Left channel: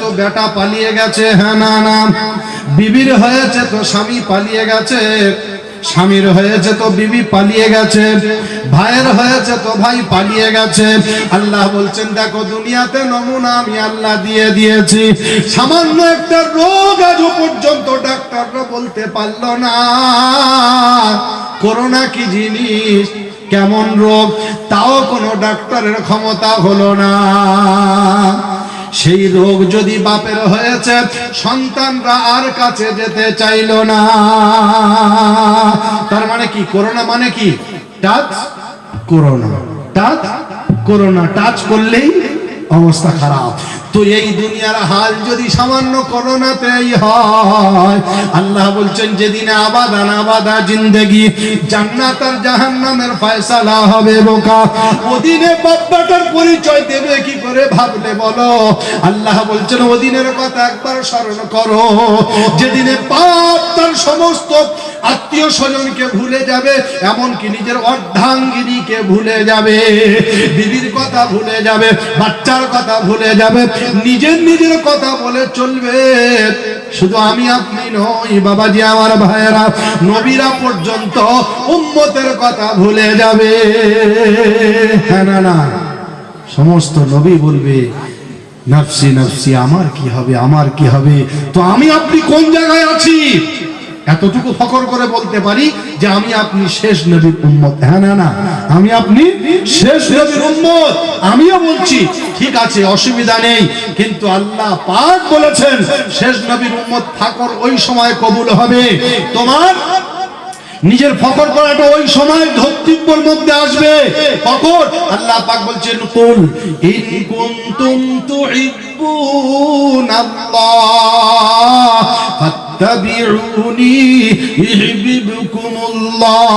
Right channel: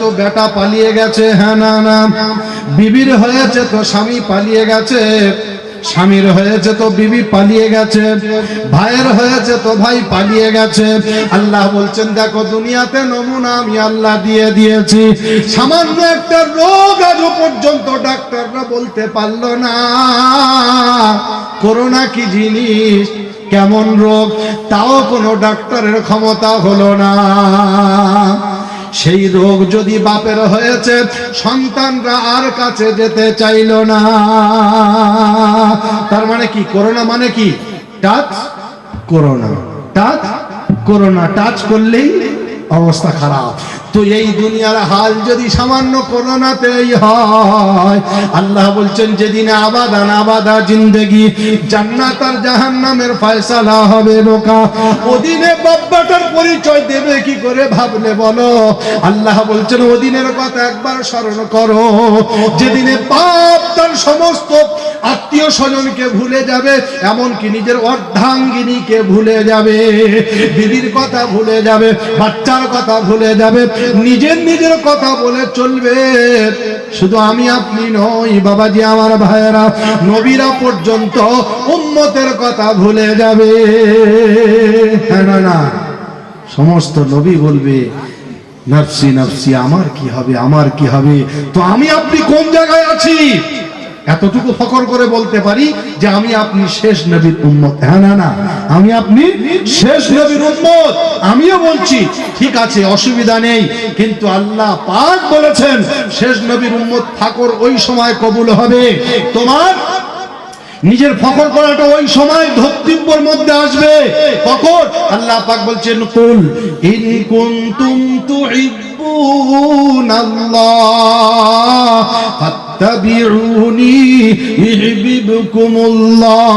তো বেটা পালিয়ে গেছে, হ্যাঁ না না, বিবির হয়েছে তো স্বামী পালিয়ে গেছে, স্বামীর হয়েছে তো বিবি পালিয়ে গেছে, ভাইয়ের হয়েছে তো ভাই পালিয়ে গেছে। আল্লাহ বলছেন দেখো দুনিয়াতে নমুনা আমি আল্লাহ দিয়ে দিয়েছি। সামান্য একটা রোগ আজ পর্যন্ত ডাক্তাররা বলতে পারলো না করোনা কি জিনিস, কেমন রোগ, তাও কোনো ডাক্তারের ক্ষমতা হলো না। সেই রোগ যদি বাপের হয়েছে সন্তানরা আর কাছে যেতে চাইল না। তার মানে কি করোনা মানে কি touch corona, touch corona, touch করলেই অবস্থা খারাপ। তো এই দুনিয়ার হাল যদি সামান্য করোনাতেই হয়, আল্লাহ বলছেন যেদিনে আবাদা আবাদা জিন্দেগি, জান্নাত আর জাহান্নামের ফয়সালা হবে বোকা, ওদিনে বাপ্পাটার পরিচয় দেবে কি করে ভাবলে বলো। আল্লাহ বলছেন ওদিনের কথা একবার স্মরণ করো, যেদিনে পাপ তার সমস্ত আত্মীয় স্বজনকে ভুলে যাবে, এমনকি নিজের অর্ধাঙ্গিনীকে ভুলে যাবে, বিবির কথা ভুলে যাবে, বাচ্চার কথা ভুলে যাবে, নিজের কথা বলে চলবে। শুধু আমি আপনি নই বাবাজি আমার ভাইয়েরা, নবীরা পর্যন্ত উম্মতের কথা ভুলে যাবে, হ্যাঁ না না, সমস্ত নবী বলবে নফসি নফসি, আমার কি হবে আমার কি হবে। তো আমি আপনি কোন জায়গায় আছি এতটুকু ফখর করে বলতে পারি যে আমি আপনি শেষ নবীর উম্মত, হ্যাঁ না না, আমি আপনি শেষ নবীর উম্মত। আমিও বলছি ঠিক আছে অসুবিধা নেই, কিন্তু আল্লাহ পাক বলেছেন শেষ নবীর উম্মত থাকর ওই সময় কবুল হবে, তোমার নিজের ফখর করাটা ওই সময় ধর্তব্যের মধ্যে আসবে। ফখর আল্লাহ পাক বলছেন কুল ইন কুনতুম তুহিব্বুনাল্লাহ ফাত্তাবিউনি ইউহিব্বুকুমুল্লাহ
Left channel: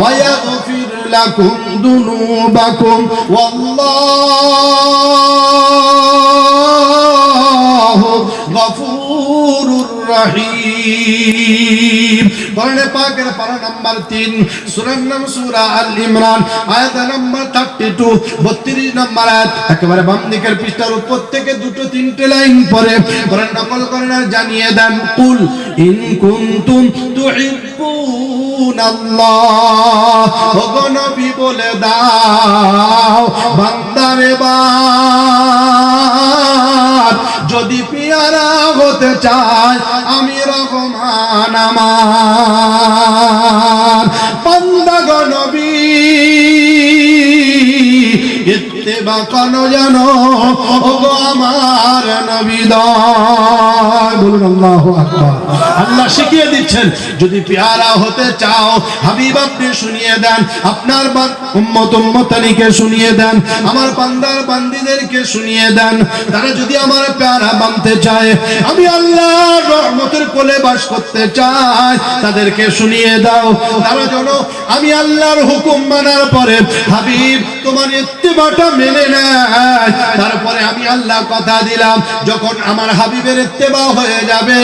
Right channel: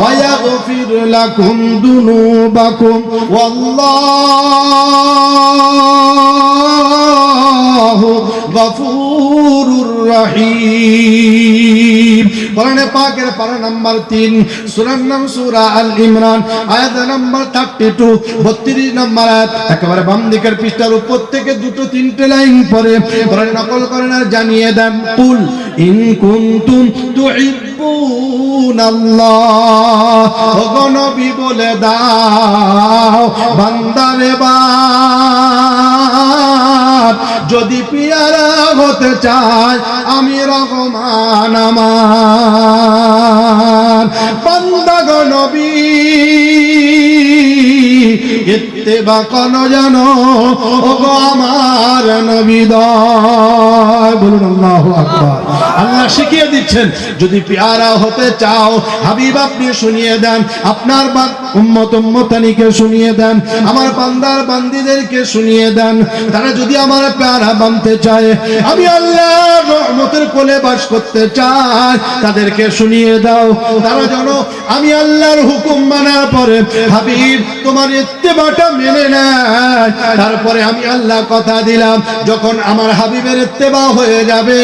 ওয়া ইয়াগফির লাকুম যুনুবাকুম ওয়াল্লাহু গফুরুর রহিম। কোরআনে পাকের পারা নাম্বার 3, সূরার নাম সূরা আল ইমরান, আয়াত নাম্বার 32, 32 নম্বর আয়াত, একেবারে বাম দিকের পৃষ্ঠার উপর থেকে দুটো তিনটে লাইন পড়ে কোরআন নকল করেন আর জানিয়ে দেন কুল ইন কুনতুম তুহিব্বুনাল্লাহ, ওগো নবী বলে দাও বান্দারে বাপ যদি পিয়ারা হতে চায় আমি রহমান আমার বান্দা গো নবী ইত্তেবা করো জানো ওগো আমার নবী দয়, বলুন আল্লাহু আকবার। আল্লাহ শিখিয়ে দিচ্ছেন যদি পেয়ারা হতে চাও হাবিব আপনি শুনিয়ে দেন, আপনার উম্মত উম্মতানিকে শুনিয়ে দেন, আমার বান্দার বান্দীদেরকে শুনিয়ে দেন, তারা যদি আমার পেয়ারা বানতে চায়, আমি আল্লাহর রহমতের কোলে বাস করতে চাই, তাদেরকে শুনিয়ে দাও তারা যেন আমি আল্লাহর হুকুম মানার পরে হাবিব তোমার ইত্তেবাটা মেনে নেয়। তারপরে আমি আল্লাহ কথা দিলাম যখন আমার হাবিবের ইত্তেবা হয়ে যাবে,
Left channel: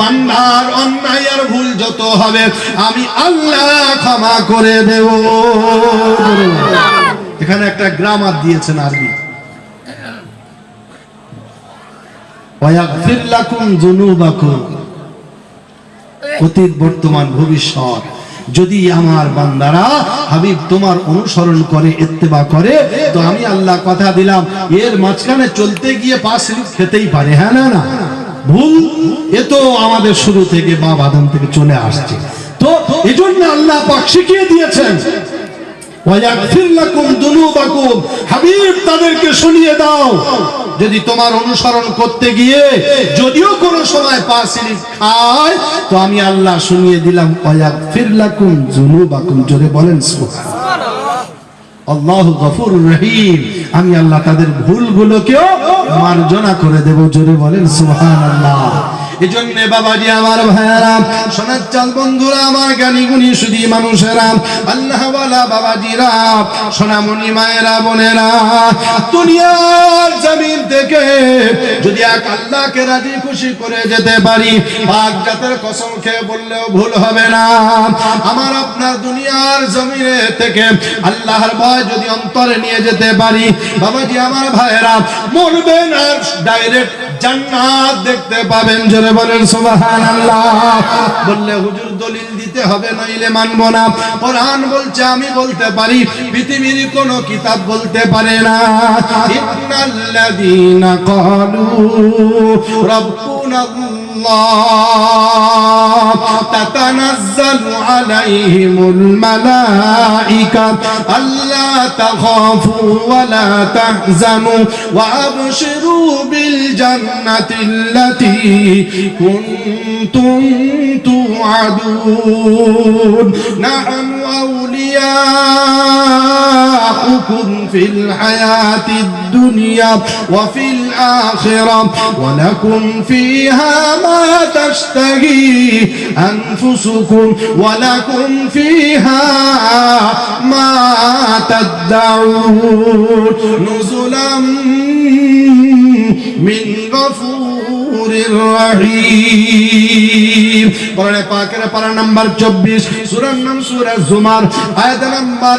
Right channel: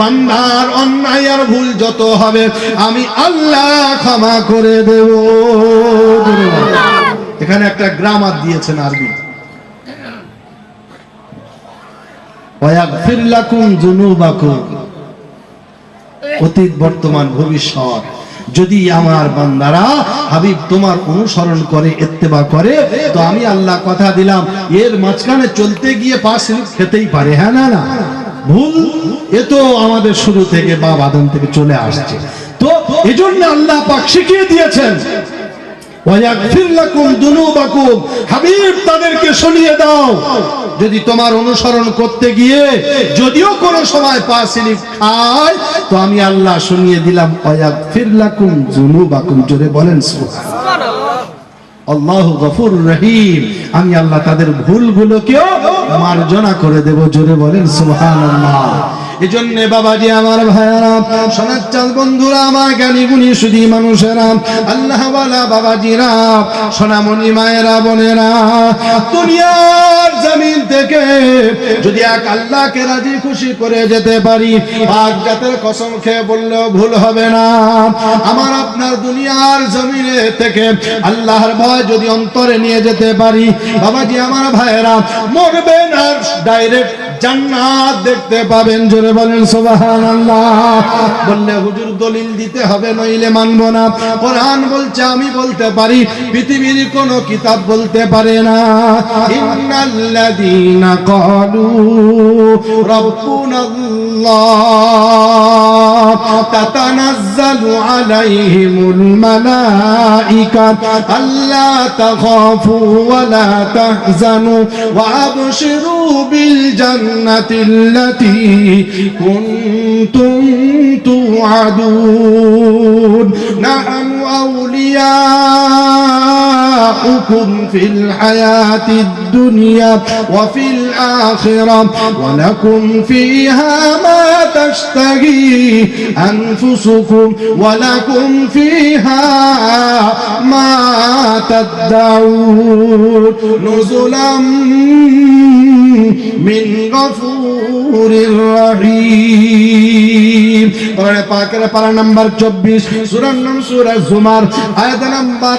বান্দার অন্যায় আর ভুল যত হবে আমি আল্লাহ ক্ষমা করে দেব। এখানে একটা গ্রামার দিয়েছেন আরবি, ওয়াগফির লাকুম যুনুবাকুম, অতীত বর্তমান ভবিষ্যৎ। যদি আমার বান্দারা হাবিব তোমার অনুসরণ করে ইত্তেবা করে তো আমি আল্লাহ কথা দিলাম এর মাঝখানে চলতে গিয়ে পাশ খেতেই পারে, হ্যাঁ না না, ভুল এ তো আমাদের শুরু থেকে বাপ আদম থেকে চলে আসছে। তো এজন্য আল্লাহ পাক শিখিয়ে দিয়েছেন ওয়াগফির লাকুম যুনুবাকুম, হাবিব তাদেরকে শুনিয়ে দাও যদি তোমার অনুসরণ করতে গিয়ে যদিও কোনো সময় পা স্লিপ খায় তো আমি আল্লাহ শুনিয়ে দিলাম ওয়াগফির লাকুম যুনুবাকুম। জোরে বলেন সুবহানাল্লাহ। আল্লাহু গফুরুর রহিম, আমি আল্লাহ তাদের ভুলগুলোকেও মার্জনা করে দেব। জোরে বলেন সুবহানাল্লাহ। এজন্য বাবাজি আমার ভাইরা, সোনার চাল বন্ধুরা, আমার জ্ঞানী গুণী সুধী মানুষেরা, আল্লাহ ওয়ালা বাবাজিরা, সোনামণি মায়েরা বোনেরা, দুনিয়ার জমিন থেকে যদি এক আল্লাহকে রাজি খুশি করে যেতে পারি, পাক জাতের কসম খেয়ে বললেও ভুল হবে না, আমার আপনার দুনিয়ার জমিনে থেকে আল্লাহর ভয় যদি অন্তরে নিয়ে যেতে পারি, বাবাজি আমার ভাইরা, মরবেন আর ডাইরেক্ট জান্নাত দেখতে পাবেন। জোরে বলেন সুবহানাল্লাহ। বললে হুজুর দলিল দিতে হবে, নইলে মানব না। কোরআন বলছে, আমি বলতে পারি, পৃথিবীর কোন কিতাব বলতে পারে না। ইন্নাল্লাযীনা ক্বালু রাব্বুনাল্লাহ তাতানাজ্জালু আলাইহিমুল মালাঈকা আল্লা তাখাফু ওয়া লা তাহজানু ওয়া আবশিরু বিল জান্নাতিল্লাতী কুনতুম তুআদুন নাহনু আউলিয়াউকুম ফিল হায়াতিদ দুনিয়া ওয়া ফিল আখিরা ওয়া লাকুম ফিহা মা তাশতাহি আনফুসুকুম ওয়া লাকুম ফিহা মা তাদউন নুজুলাম মিন গফুরির রহিম। কোরআনে পাকের পারা নাম্বার 24, সূরার নাম সূরা জুমার, আয়াত নাম্বার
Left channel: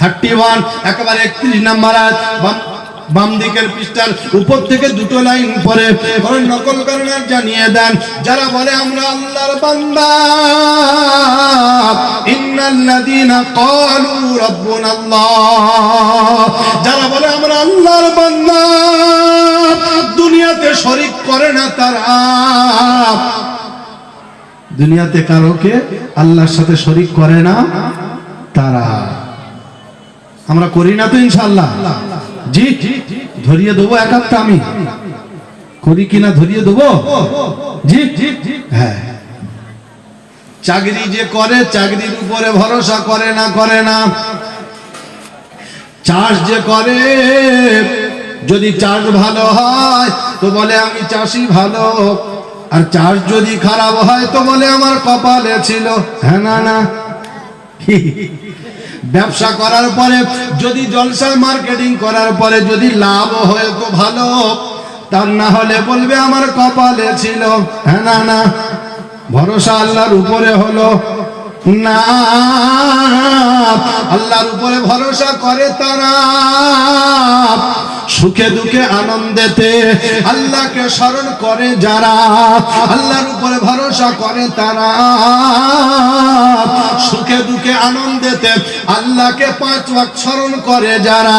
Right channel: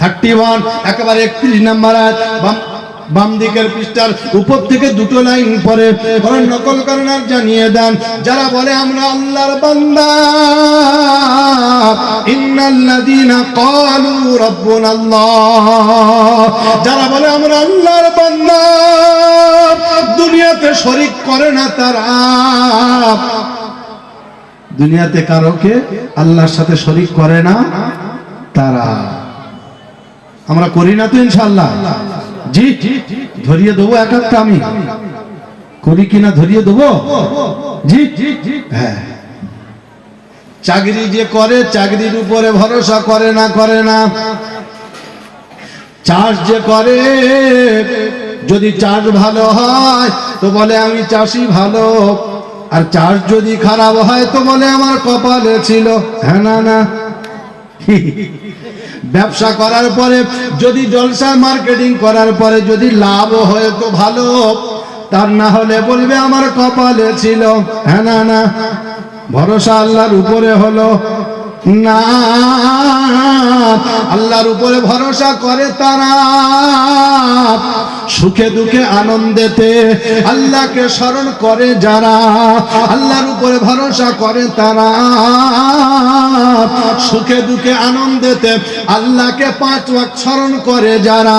31, একেবারে 31 নম্বর আয়াত। বাম দিকের পৃষ্ঠার উপর থেকে দুটো লাইন পরে কোরআন নকল করেন আর জানিয়ে দেন, যারা বলে আমরা আল্লাহর বান্দা, ইন্নাল্লাযীনা ক্বালু রাব্বুনাল্লাহ, যারা বলে আমরা আল্লাহর বান্দা, দুনিয়াতে শরীক করে না তারা, দুনিয়াতে কারোকে আল্লাহর সাথে শরীক করে না তারা। আমরা করি না তো ইনশাআল্লাহ? জি, ধরিয়ে দেবো এক একটা, আমি করি কিনা ধরিয়ে দেবো। জি, হ্যাঁ। চাকরি যে করে, চাকরির উপরে ভরসা করে না। চাষ যে করে, যদি চাষ ভালো হয় তো বলে আমি চাষি ভালো, আর চাষ যদি খারাপ হয় তো বলে আমার কপালে ছিল। হ্যাঁ না ব্যবসা করার পরে যদি জলসা মার্কেটিং করার পরে যদি লাভ হয় তো ভালো, তার না হলে বলবে আমার কপালে ছিল। হ্যাঁ না ভরসা আল্লাহর উপরে হলো না। আল্লাহর উপরে ভরসা করে তারা, সুখে দুঃখে আনন্দেতে আল্লাহকে স্মরণ করে যারা, আল্লাহর উপরে ভরসা করে তারা, সুখে দুঃখে আনন্দেতে আল্লাহকে 5 ওয়াক্ত স্মরণ করে যারা,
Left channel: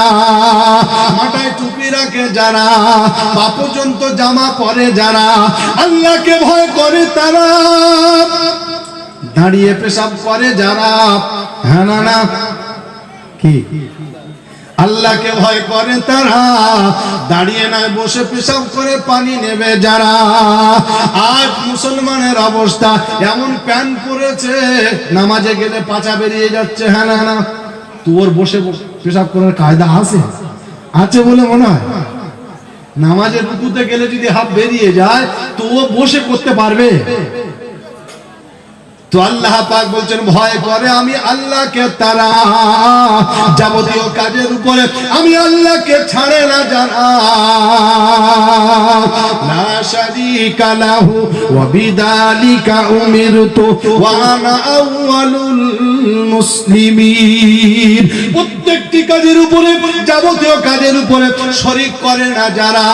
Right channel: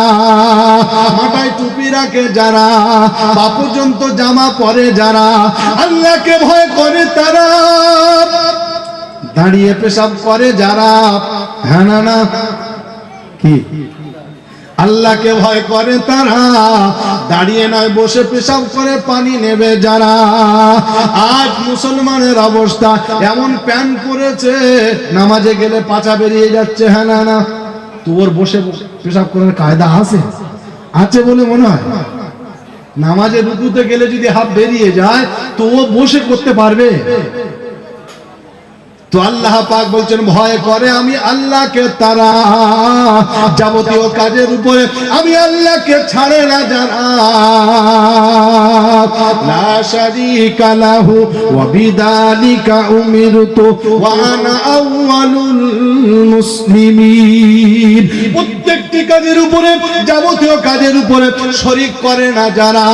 মাথায় টুপি রাখে যারা, পা পর্যন্ত জামা পরে যারা, আল্লাহকে ভয় করে তারা, দাঁড়িয়ে পেশাব করে যারা। হ্যাঁ না কি? আল্লাহকে ভয় করে তারা, দাঁড়িয়ে নয় বসে পেশাব করে পানি নেবে যারা। আজ মুসলমানের অবস্থা এমন, প্যান্ট পরেছে, নামাজে গেলে পাছা বেরিয়ে যাচ্ছে। হ্যাঁ না তোর বসে পেশাব করার কায়দা আছে বলে মনে হয়? নামাজে রুকুতে গেলে যদি হাত বেরিয়ে যায় তো ও বসে করতে পারবে? তো আল্লাহ পাক বলছেন ভয় করে আমি আল্লাহকে তারা, যাবতীয় কাজের উপরে আমি আল্লাহকে ছাড়ে না যারা। লা শারীকা লাহু ওয়া বিযালিকা উমিরতু ওয়া আনা আউয়ালুল মুসলিমিন। প্রত্যেকটি কাজের উপরে, যাবতীয় কাজের উপরে শরীক করে না যারা।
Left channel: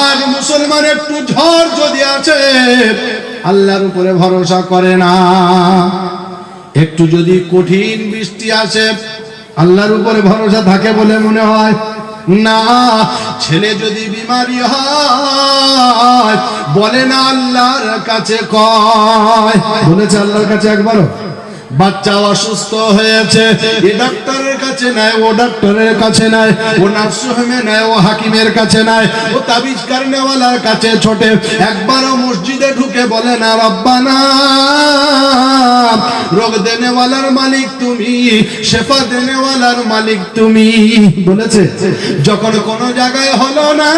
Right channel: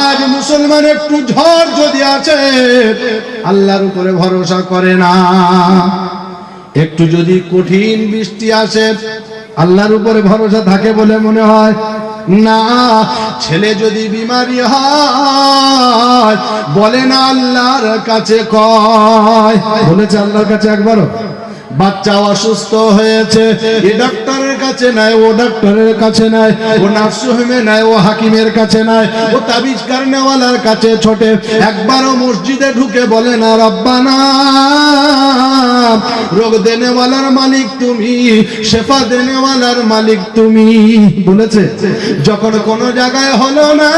আজ মুসলমান একটু ঝড় যদি আছে আল্লাহর উপরে ভরসা করে না, একটু যদি কঠিন বৃষ্টি আসে আল্লাহর উপরে ভরসা থাকে বলে মনে হয় না। ছেলে যদি বিমারি হয় বলে না আল্লাহর কাছে কয়, বলেছে আল্লাহর কাছে একবারও? বাচ্চা অসুস্থ হয়েছে, এ ডাক্তারের কাছে নাই, ও ডাক্তারের কাছে নাই, ও নার্সিংহোমে নাই, ও হাকিমের কাছে নাই, ও তাবিজ কারনেওয়ালার কাছে ছোটে, একবারও মসজিদে ঢুকে বলে না রব্বানা, রোগ দেনেওয়ালার মালিক তুমি, শেফা দেনেওয়ালার মালিক তুমি। বলেছে? যখন কোনো জায়গায় হলো না,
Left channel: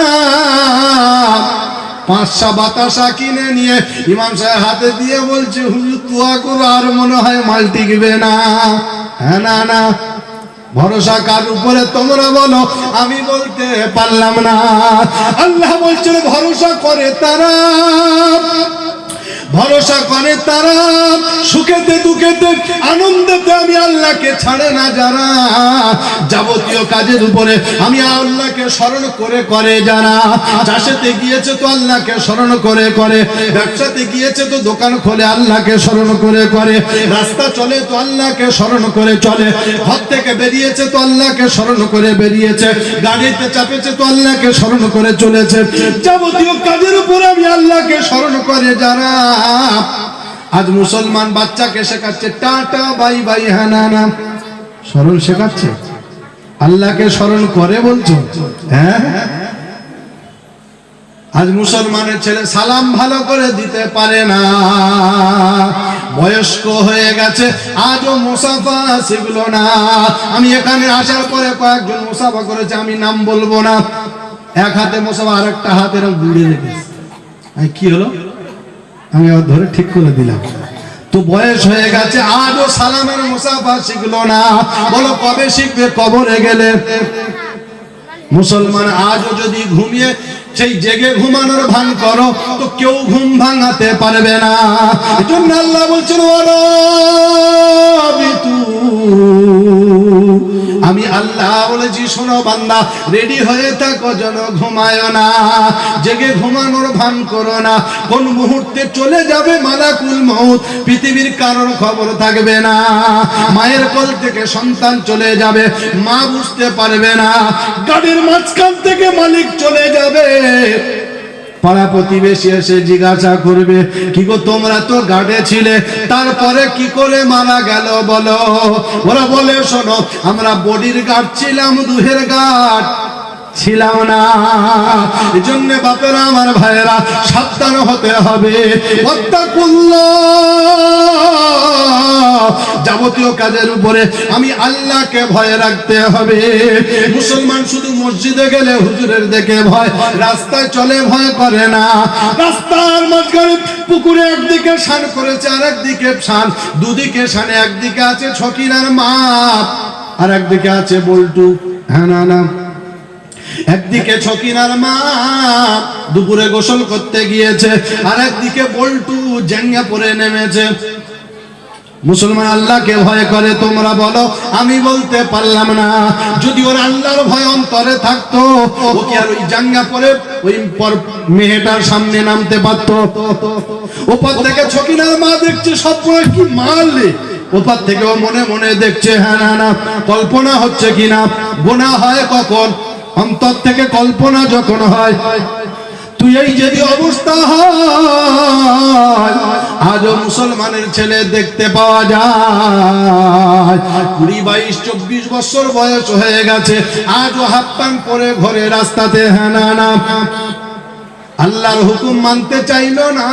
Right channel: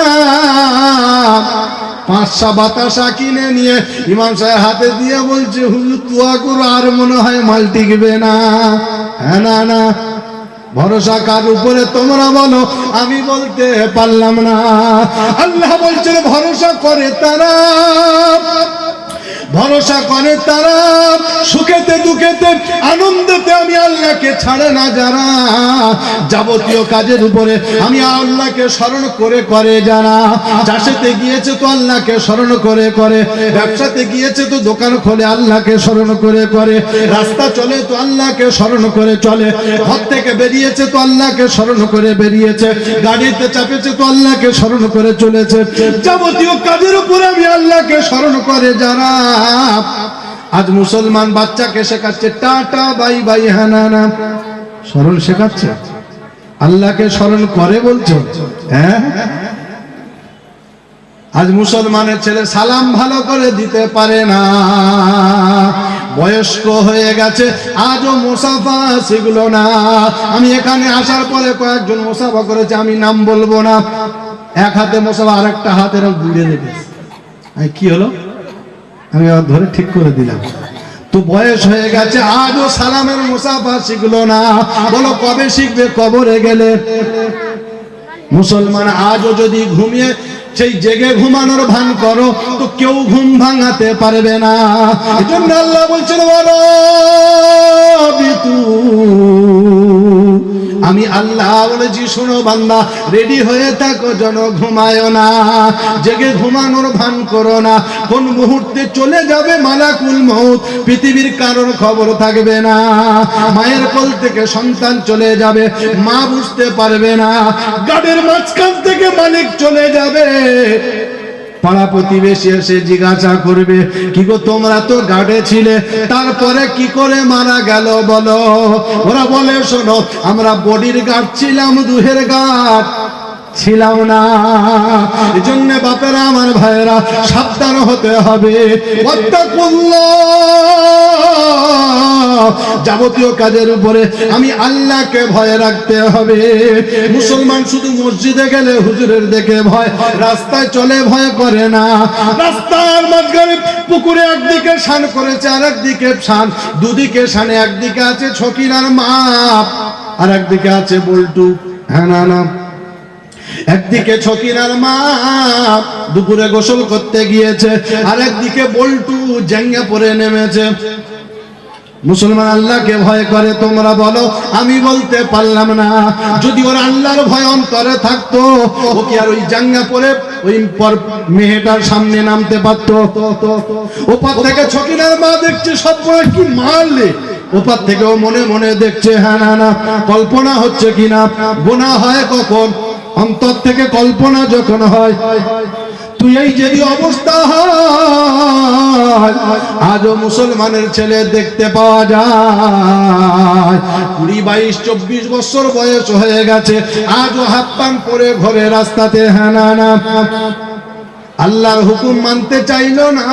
5টা বাতাসা কিনে নিয়ে ইমাম সাহেব হাতে দিয়ে বলছে হুজুর দোয়া করো, আর মনে হয় মাল টিকবে না। হ্যাঁ না ভরসা কার উপরে তোমরা বলো? আমি বলতে পারলাম না। আল্লাহ বলছেন ভরসা করে তারা, ভরসা করে তারা, সুখেতে দুঃখেতে আনন্দেতে আমি আল্লাহকে ছাড়ে না যারা, যাবতীয় কাজের উপরে আমি আল্লাহকে স্মরণ করে করে যারা, চাষেতে গিয়েছে তো আল্লাহকে স্মরণ করে করে, ব্যবসাতে গিয়েছে তো দোকান খোলে আল্লাহকে স্মরণ করে করে, রাস্তা চলে তো আল্লাহকে স্মরণ করে চলে, ঘর থেকে বেরিয়েছে তো আল্লাহকে স্মরণ করে বেরিয়েছে, গাড়িতে চাপেছে তো আল্লাহকে স্মরণ করে চলেছে, যাবতীয় কাজের উপরে আমি আল্লাহকে স্মরণ করে যারা। আজ মুসলমান বাচ্চাকে শেখাচ্ছে টাটা বাই বাই হ্যাঁ না না, স্মরণ শেখাচ্ছে, আল্লাহকে স্মরণ করে বলছো হ্যাঁ। আজ মুসলমানের ছেলে সালাম ভালো করে দিতে পারে না, বয়স্ক হয়ে গেছে আজও মুসাফা শিখলো না। আমি এখানে আসার পরে কয়েকজন মুসাফা করেছে, আমি নাম বলবো না, এক হাতে মুসাফা আরেকটা হাতের গুড়ে রেখেছে, কি হলো আমি ধরে ঠিক করে দিলাম। তো বয়স হয়ে গেছে আজও সালামের মুসাফা শিখলো না, বলো কবে শিখবে কবরে গেলে। মুসলমান আজও যদি ঘুমিয়ে সেই জেগে ঘুমানোর ভান করো তো কেউ ঘুম ভাঙাতে পারবে না। এজন্য আল্লাহ বলছেন আমি আল্লাহ বলেছি শোনো বান্দা, রেডি হয়ে থাকো যেন ঘুমায় না, জেগে ঘুমানোর ভান করো না, কোন মুহূর্তে চলে যাবে মালাকুল মউত, পৃথিবীর কারোর খবর থাকবে না, মায়ের কোল থেকে সন্তান চলে যাবে, মা বুঝতে পারবে না, গাড়ির মাঝখান থেকে মালিক চলে যাবে, পাড়া প্রতিবেশী এসে জিজ্ঞাসা করবে কি গো তোমরা তো গাড়ে ছিলে, তারপরে কি করে মারা গেল বলো। ওরা বলে শোনো আমরা বডির গার্ড ছিলাম, রুহের গার্ড ছিলাম না। এজন্য বাপেরা আমার ভাইয়েরা সাবধান হতে হবে, যাবতীয় কাজের উপরে আমি আল্লাহকে ভয় রাখতে হবে। মুসলমান শুধু মসজিদে গেলে হুজুরের দেখে ভয়, রাস্তায় চলে ভয় করে না, রাস্তার মাঝখানে পুকুরে একদিকে শান করেছে আর একদিকে শান, দুদিকে শানে, একদিকে আছে ছকিনার মাপ আর একদিকে আছে বল্টু, হ্যাঁ না না, একদিকে ছকিনার মা দুপুরে গোসল করতে গিয়েছে আর একদিকে বল্টু জাঙ্গা পরে নেমেছে। মুসলমান আল্লাহকে ভয় করে, তোমরা বলো আমি বলতে পারলাম না। যদি ওর আল্লাহর ভয় অন্তরে থাকতো ও কি আর ওই জাঙ্গা পরে ওই মেয়েটার সামনে নামতে পারতো? ওপার থেকে ছকিনার মা দেখছে স্বপ্ন কি মারলে, ওপার থেকেও মনে মনে দেখছে হ্যাঁ না না কল্পনা হচ্ছে কিনা। গোনা হয় কখন? অন্তর থেকে কল্পনা যখন হয়। তুই এই যদি অবস্থা হয়, আজও মুসলমানের ছেলে দেখতে পাওয়া যায় 20, 22, 24 বছর বয়স হয়ে গেছে, আজও হাত পান করে ঘরে রাস্তাতে হ্যাঁ না না আল্লাহর হুকুম মানতে চাইল না।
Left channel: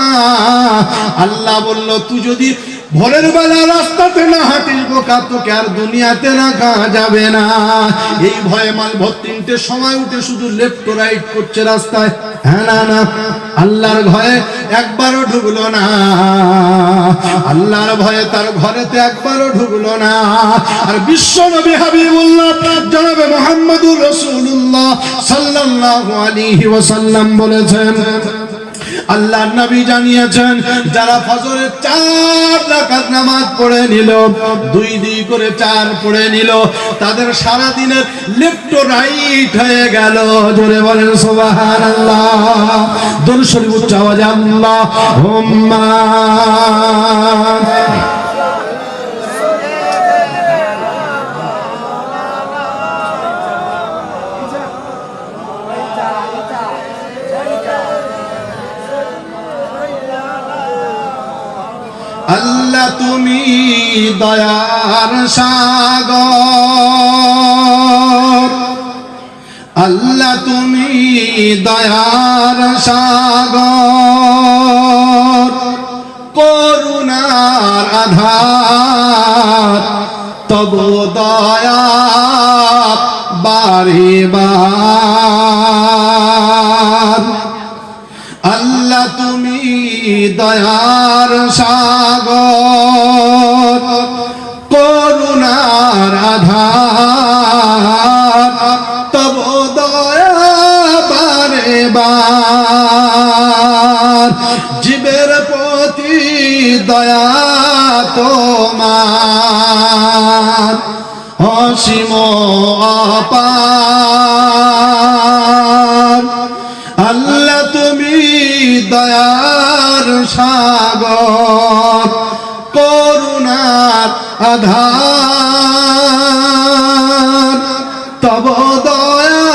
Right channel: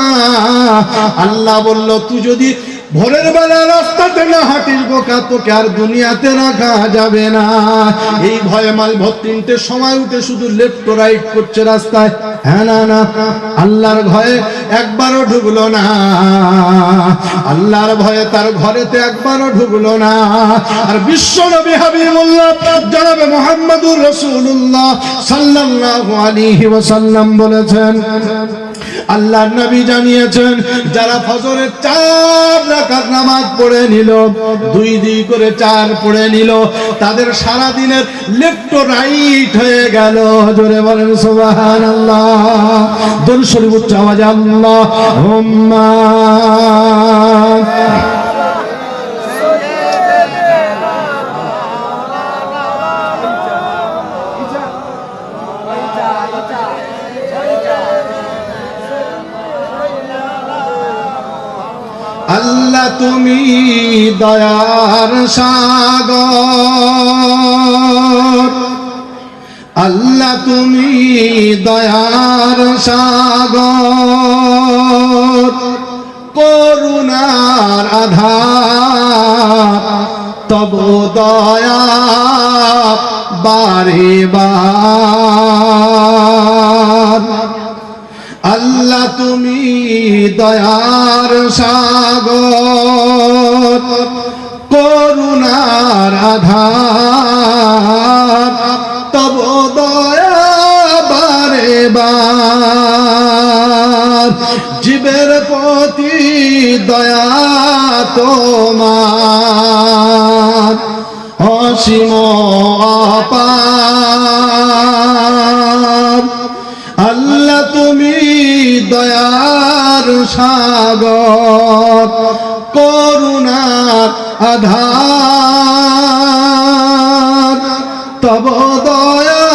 আল্লাহ বলল তুই যদি ভোরের বেলা রাস্তাতে না হাঁটিস বোকা, তোকে আর দুনিয়াতে রাখা যাবে না। এই ভয়ে মালভর 3টের সময় উঠে শুধু লেফট রাইট করছে রাস্তায়, হ্যাঁ না না আল্লাহর ভয়ে একবারও ঢুকলো না, আল্লাহর ভয়ে তার ঘরেতে একবারও ঢুকলো না। আর বিশ্ব নবী হাবিবুল্লাহ জনাবে মুহাম্মদুর রাসূলুল্লাহ সাল্লাল্লাহু আলাইহি ওয়াসাল্লাম বলেছেন, আল্লাহর নবী জানিয়েছেন যারা ফজরের 4 রাকাত নামাজ পড়ে নিল, 2 করে 4 পড়ে নিল, তাদের সারা দিনের লেফট রাইট হয়ে গেল। জোরে বলেন সুবহানাল্লাহ। দরুদ শরীফ উচ্চ আওয়াজে আল্লাহুম্মা আল্লাহ তুমি দয়ার সাগর, আল্লাহ তুমি দয়ার সাগর, করুণার আধার, তবু দয়া বারে বার। আল্লাহ তুমি দয়ার সাগর, করুণার আধার, তব দয়া বারে বার। জীবের প্রতি দয়া তোমার অসীম অপার, আল্লাহ তুমি দয়ার সাগর, করুণার আধার, তব দয়া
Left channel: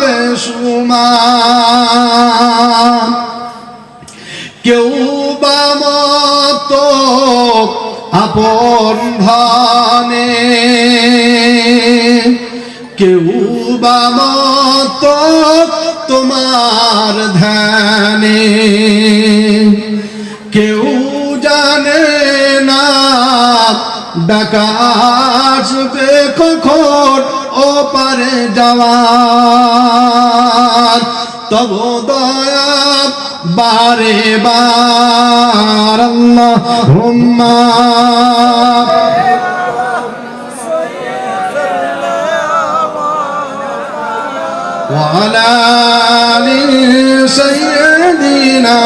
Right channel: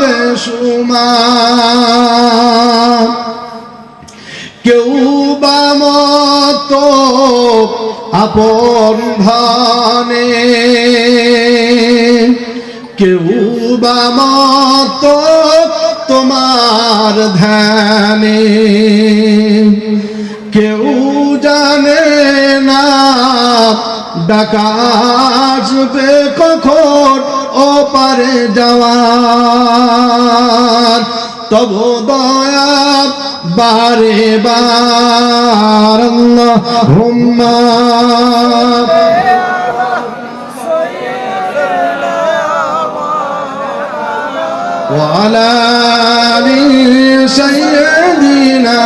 বেশুমার। কেউ বা মতো আপন ধনে, কেউ বা মতো তোমার ধ্যানে, কেউ জানে না ডাকা আসবে কখন ওপারে যাওয়ার, তব দয়া বারে বার। আল্লাহুম্মা ওয়া আলা আলি সাইয়্যিদিনা।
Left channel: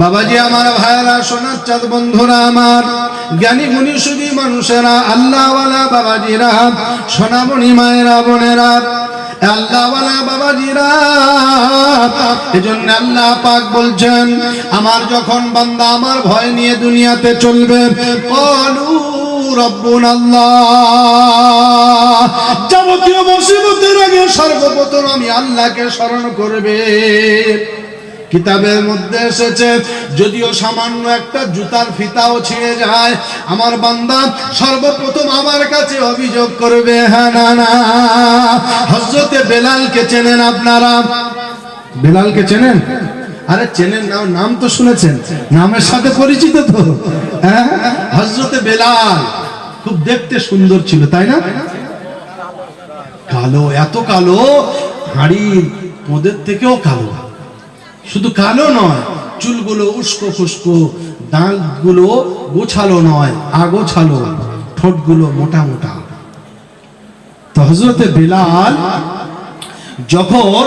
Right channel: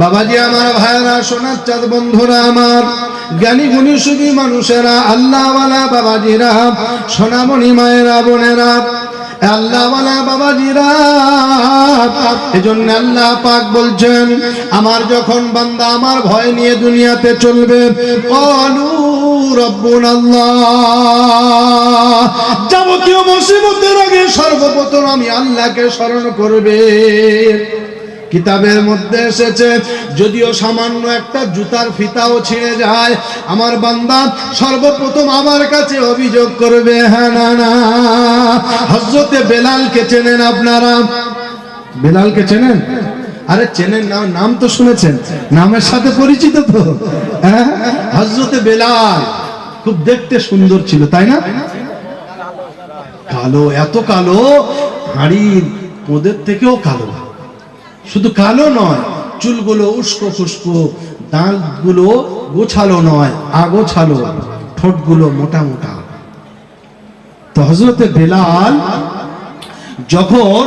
বাবাজি আমার, ভাইরা, সোনার চাঁদ বন্ধুরা আমার, জ্ঞানী গুণী সুখী মানুষেরা, আল্লাহওয়ালা বাবাজিরা, সোনামণি মায়েরা, বোনেরা, আল্লাহওয়ালা বাবাজিরা, এজন্য আল্লাহ পাক বলছেন, আমার যখন বান্দা আমার ভয় নিয়ে দুনিয়াতে চলবে, ক্বালু রাব্বুনাল্লাহ, যাবতীয় মুসিবতের আগে সর্বপ্রথম আমি আল্লাহকে স্মরণ করবে। কিতাবের মধ্যে এসেছে, যদিও সামান্য একটা জুতার ফিতাও ছিঁড়ে যায়, আমার বান্দা সর্বপ্রথম আমার কাছে অভিযোগ করবে, হ্যাঁ না না। হযরতে বেলালকে চেনেন আপনারা? বেলালকে চেনেন? আরে চেনেন না, নাম তো শুনেছেন, নামের সাথে পরিচিত তো, হ্যাঁ। হযরতে বেলাল খুব দেখতে সুন্দর ছিল, তাই না? কালো, এত কালো, হাড়ির পোদের থেকেও কালো। শুধু কালো নয়, চুলগুলো উস্কো খুস্কো, দাঁতগুলো গোছালো নয়, আগোছালো, ঠোঁটগুলো মোটা মোটা। তো হযরতে বেলাল, যখন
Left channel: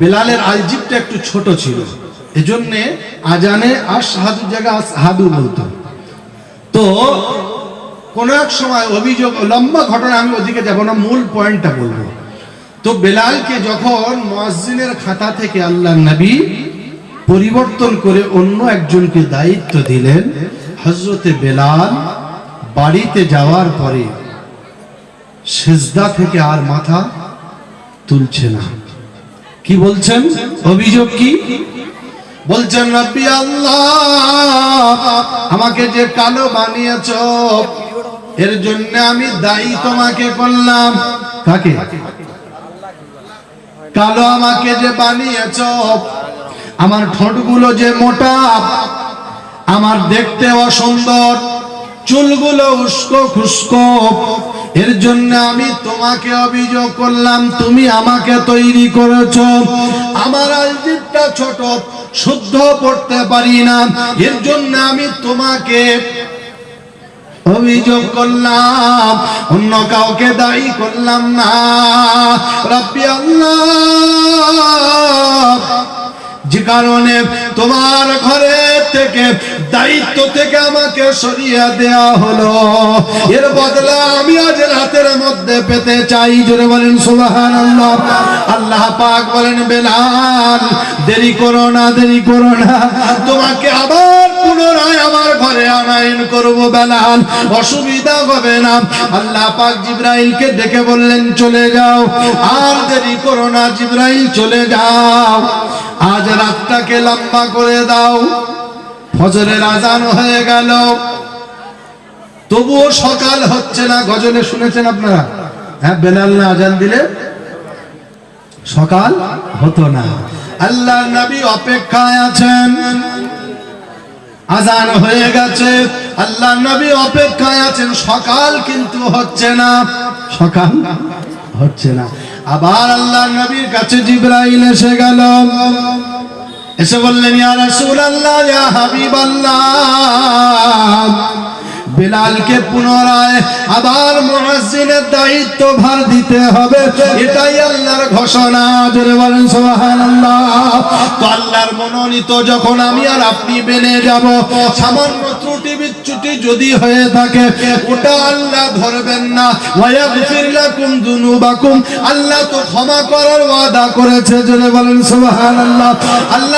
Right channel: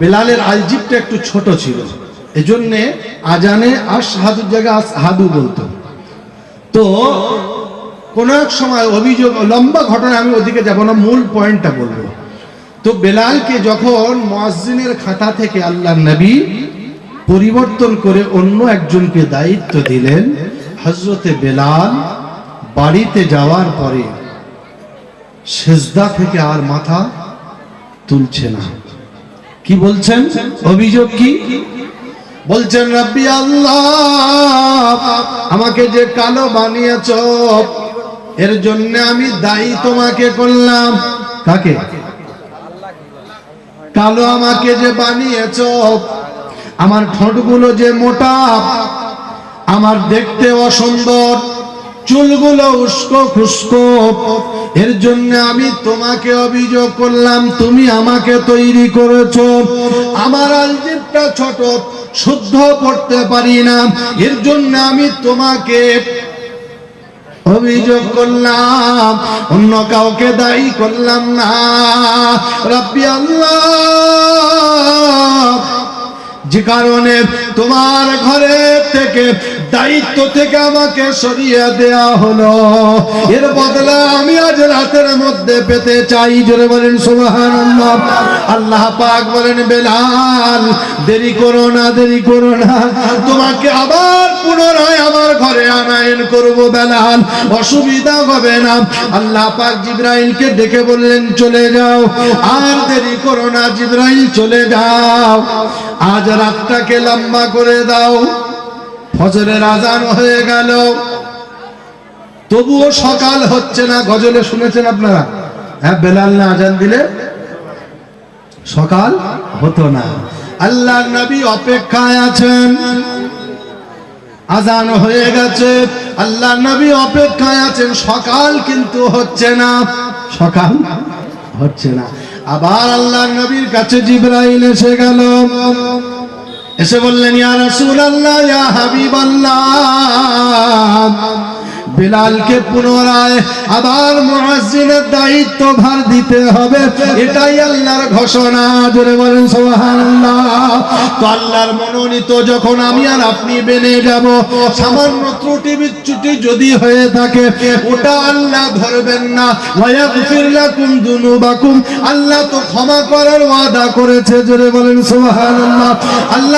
বেলালের আলজিবটা একটু ছোট ছিল, এজন্য আজানে আশহাদুর জায়গায় আসহাদু বলতো। তো কোন এক সময় অভিযোগ, লম্বা ঘটনা, আমি ওদিকে যাব না, মূল পয়েন্টটা বলবো। তো বেলালকে যখন মুয়াজ্জিনের খাতা থেকে আল্লাহর নবী পরিবর্তন করে অন্য একজনকে দায়িত্ব দিলেন, হযরতে বেলাল বাড়িতে যাওয়ার পরে সিজদা থেকে আর মাথা তুলছে না। কি বলছেন? অভিযোগ কি বলছেন? রব্বি আল্লাহ, আমাকে যে কালো বানিয়েছো এর জন্য আমি দায়ী তোমাকে করলাম। কাকে? কালো আমাকে যে বানিয়েছো, আমার ঠোঁটগুলো যে মোটা, আমার দেখতে অসুন্দর, চুলগুলো উস্কো খুস্কো, এর জন্য আমি তোমাকে অভিযোগ করলাম। তুমি আমাকে তৈরি করেছো, আমার আলজিবটা ছোট, শুদ্ধ পড়তে পারি না, এর জন্য আমি তোমাকে অভিযোগ করলাম, অন্য কাউকে দায়ী করলাম না। রব্বি আল্লাহ, যে কারণে তোমার ঘরে থেকে দায়িত্ব থেকে আমাকে সরিয়ে দেয়া হলো, এর বদলা আমি আজ রাতের মধ্যে পেতে চাই। জোরে বলেন সুবহানাল্লাহ। আল্লাহ পাক বলেন, বেলাল দেরি করো না, দেরি করো না, তোমাকে আবার পুনরায় আমার ঘরে আনায়ন করব বেলাল, অসুবিধা হবে না। আল্লাহ পাক জিবরাইলকে ডেকে বললেন, চলে যাও, আর দেরি করো না, জিবরাইল চলে যাও, আজ রাতটাকে লম্বা করে দাও। ফজরের আজান হয়ে গেল, তবুও সকাল হচ্ছে না। গজলে শুনেছেন আপনারা? হ্যাঁ, বেলাল না আজান দিলে সকাল হতো না। আল্লাহ নবী অপেক্ষায় আছেন, আজান হয়ে গেছে, আল্লাহ নবী অপেক্ষায় আছেন, সকাল কিন্তু হচ্ছে না, সকাল হচ্ছে না। আবার আল্লাহ নবীর কাছে জিবরাইল এসে গেল, এসে বললেন, ইয়া রাসূলুল্লাহ, ইয়া হাবিবাল্লাহ, বেলালকে পুনরায় আবার মুয়াজ্জিনের দায়িত্ব ভার দিতে হবে, এটাই আল্লাহর ঘোষণা। জোরে বলেন সুবহানাল্লাহ। তো আল্লাহর মনোনীত যখন আমি আর আপনি বেনে যাব, সামান্য ত্রুটি বিচ্যুতি যদি হয়ে থাকে ওটা আল্লাহ ধরবেন না। ওয়া ইয়াগফির লাকুম যুনুবাকুম, আল্লাহ তো ক্ষমা করার ওয়াদা করেছে। জোরে বলেন সুবহানাল্লাহ। আল্লাহ